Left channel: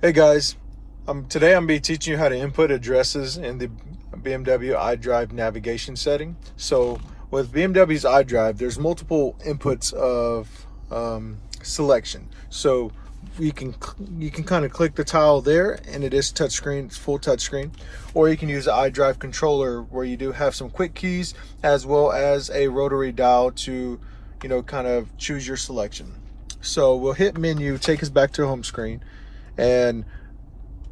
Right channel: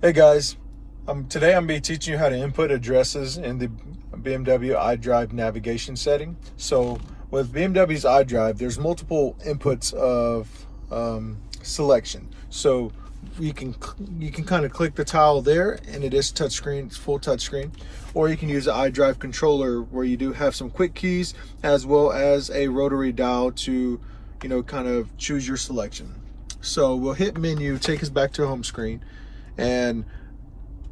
Hey guys, today I'm going to be teaching you how to input addresses in the BMW iDrive navigation setting. So with BMW's iDrive, there's multiple inputs of selection. So you can kind of click the tile there, and it is touchscreen, it's full touchscreen. Or you can use the iDrive controller, where you do have some quick keys as well as a rotary dial to, kind of choose your selection. So we'll hit menu, take us back to the home screen. And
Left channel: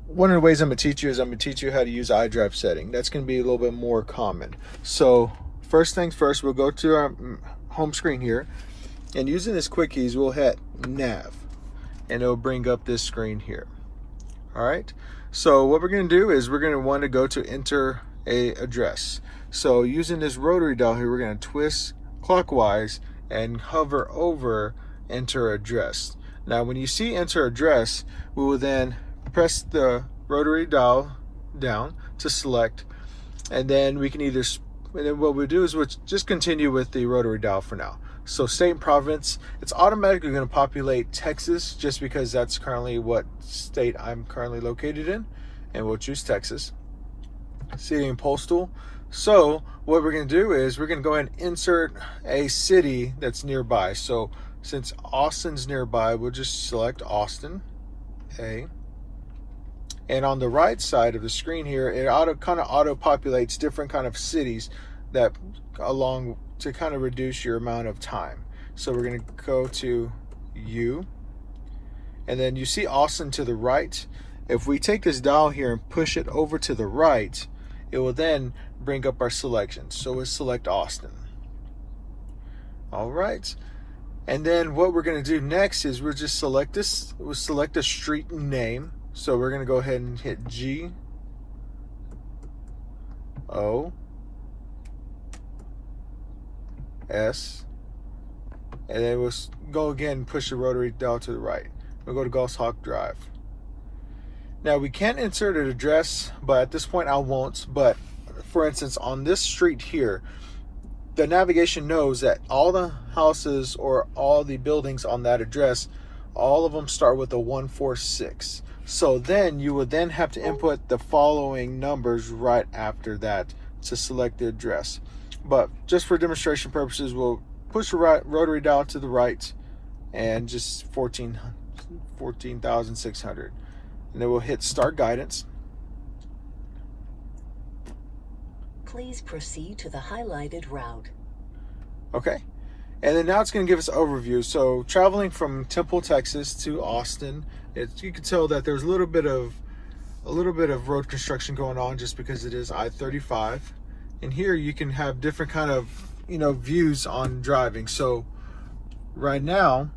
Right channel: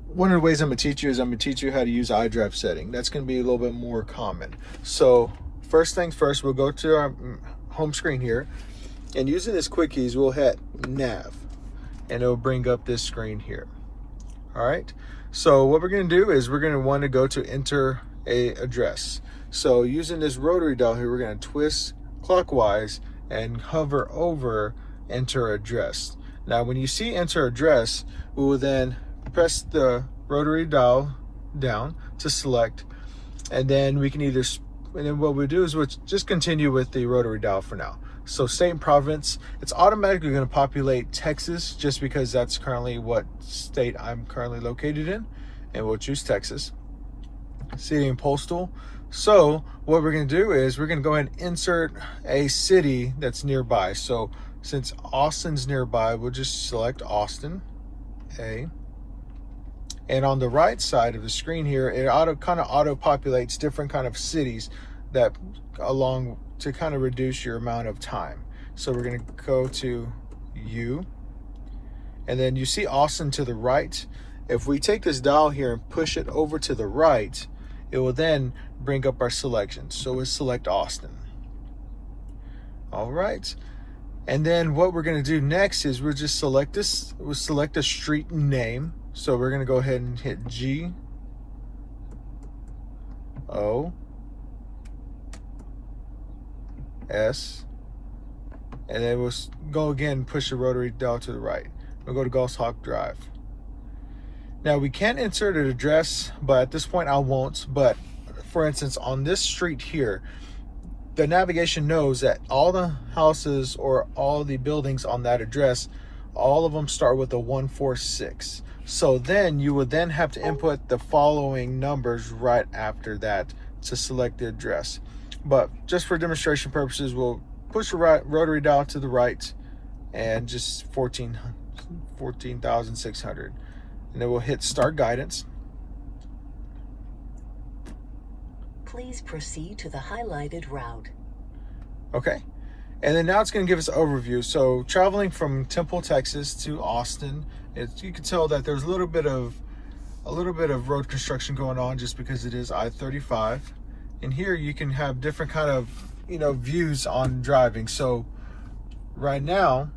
one of the ways I'm going to teach you is I'm going to teach you how to use iDrive setting. That's going to be a little bit more common. So first things first, we'll go to our home screen here, and using this quick keys, we'll hit nav, and it'll bring up this screen here. All right. So what we're going to do is we're going to want to go to enter a address. So using this rotary dial here, we're going to twist clockwise and hover over enter address. Now, when you see enter address, we will then press the rotary dial down to select, and then we can and then what we'll do is we'll just continue with the rotary dial for now. So state and province, it's automatically going to populate Texas, just because that's currently what state I'm currently located in, and we'll choose Texas. City and postal. So what we're going to do is we're going to go ahead and insert a city that's nearby. So since Austin's nearby, we'll just select Austin, A. And on the right side of the screen here, it kind of auto populates different kind of cities that along to kind of reduce your amount of time. So we're going to go to U, and then you see Austin to the right. If we take this dial here and push it over to the right, it will then bring up our selection. So we'll select Austin. All right. And then what we're going to do next is we'll just select this. We'll select a street name. So we're going to go ahead and hit G, O, S, and then we'll go again and push the rotary dial to the right. We'll go to Goshawk Drive. Now we can insert an address, but at this point I won't. But for instance, on this street here, the navigation knows that all the houses or all the buildings on that address, all of them start with a 146. So then you would then have to input the following numbers right after that to select the address. But just for demonstration purposes, we'll push the rotary dial to the right and just 14,600. And then we'll hit start guidance. Please proceed to the highlighted route. Okay, and then now it's going to give us an overview. So traveling from Temple, Texas to Austin, you can tell that there's a little bit of road construction going on, just because it is I-35. And here you can have different kind of views on driving. So right now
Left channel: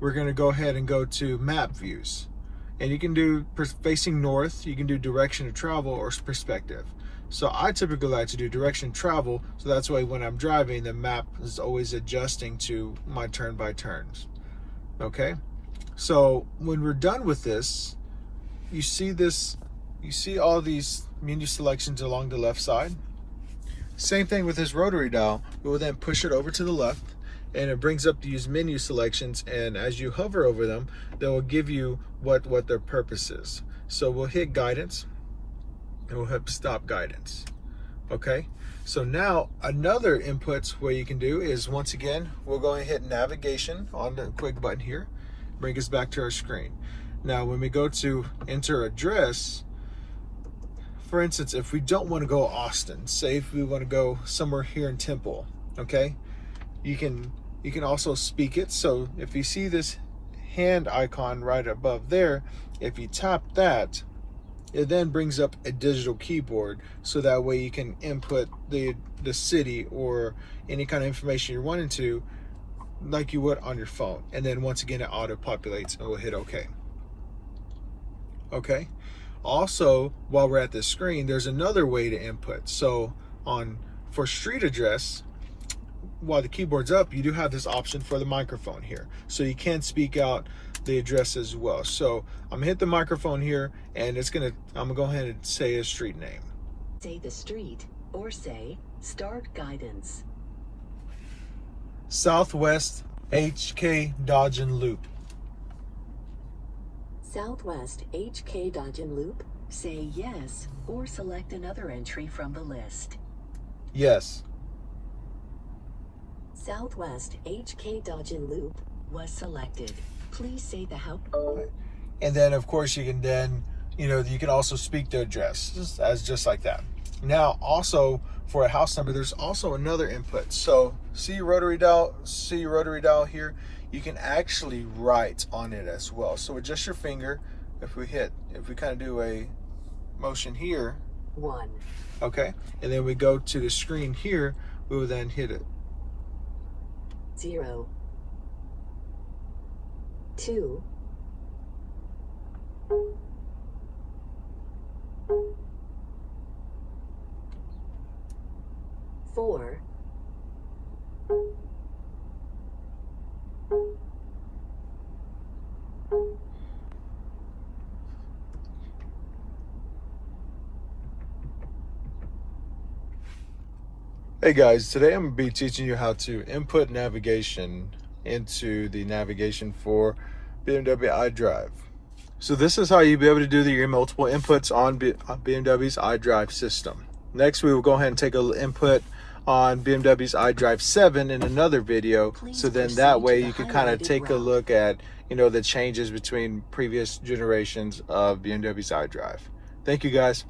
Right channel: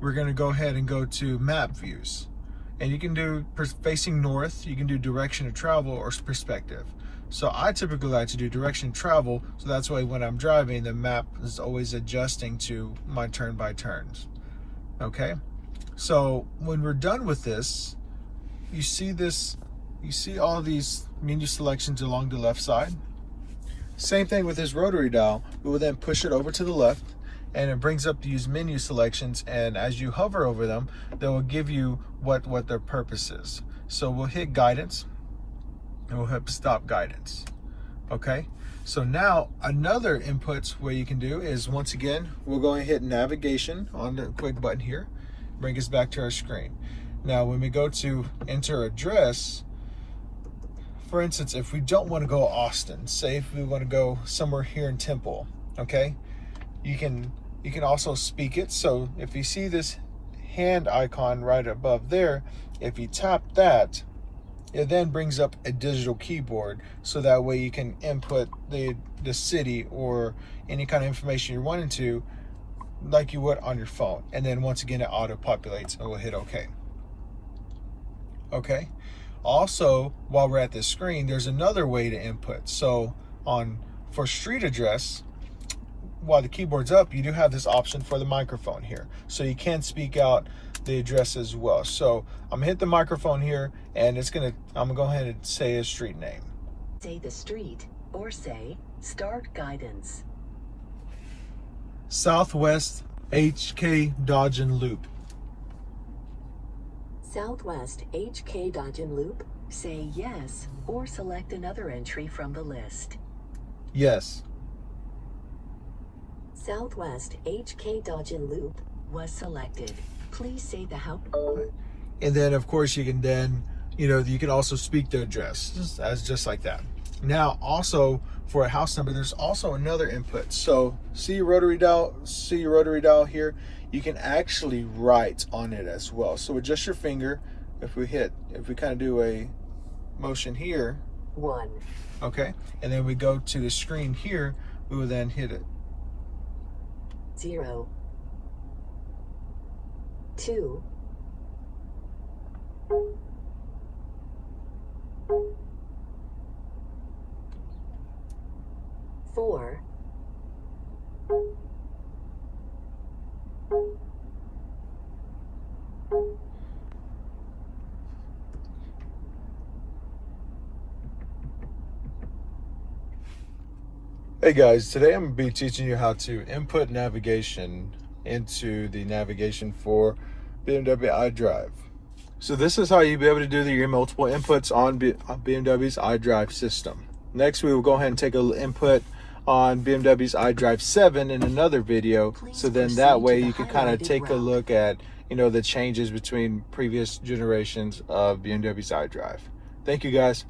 we're going to go ahead and go to map views. And you can do facing north, you can do direction of travel, or perspective. So I typically like to do direction of travel, so that's why when I'm driving, the map is always adjusting to my turn by turns. Okay, so when we're done with this, you see all these menu selections along the left side. Same thing with this rotary dial. We will then push it over to the left, and it brings up these menu selections, and as you hover over them, they will give you what their purpose is. So we'll hit guidance, and we'll hit stop guidance. Okay, so now another input what you can do is, once again, we'll go and hit navigation on the quick button here, bring us back to our screen. Now when we go to enter address, for instance, if we don't want to go Austin, say if we want to go somewhere here in Temple, okay, you can also speak it. So if you see this hand icon right above there, if you tap that, it then brings up a digital keyboard, so that way you can input the city or any kind of information you're wanting to, like you would on your phone. And then once again, it auto populates, and we'll hit OK. Okay. Also, while we're at this screen, there's another way to input. So for street address, while the keyboard's up, you do have this option for the microphone here, so you can speak out the address as well. So I'm gonna hit the microphone here, and I'm gonna go ahead and say a street name. Say the street, or say start guidance. Southwest HK Dodge and Loop. Southwest HK Dodgen Loop, say yes or select another entry from the list. Yes. Southwest HK Dodgen Loop was selected. Please say the house. And then of course you can then, you can also speak the address as just like that. Now also for a house number, there's also another input. So see your rotary dial here, you can actually write on it as well. So with just your finger, if we kind of do a motion here, 1. okay, and then we go to the screen here, we will then hit it. 0. 2. 4. 'Hey guys, today I'm going to be teaching you how to input navigation into the navigation for BMW iDrive. So this is how you'll be able to do your multiple inputs on BMW's iDrive system. Next, we will go ahead and take an input on BMW's iDrive 7 in another video. So then that way you can kind of take a look at, the changes between previous generations of BMW's iDrive. Thank you guys.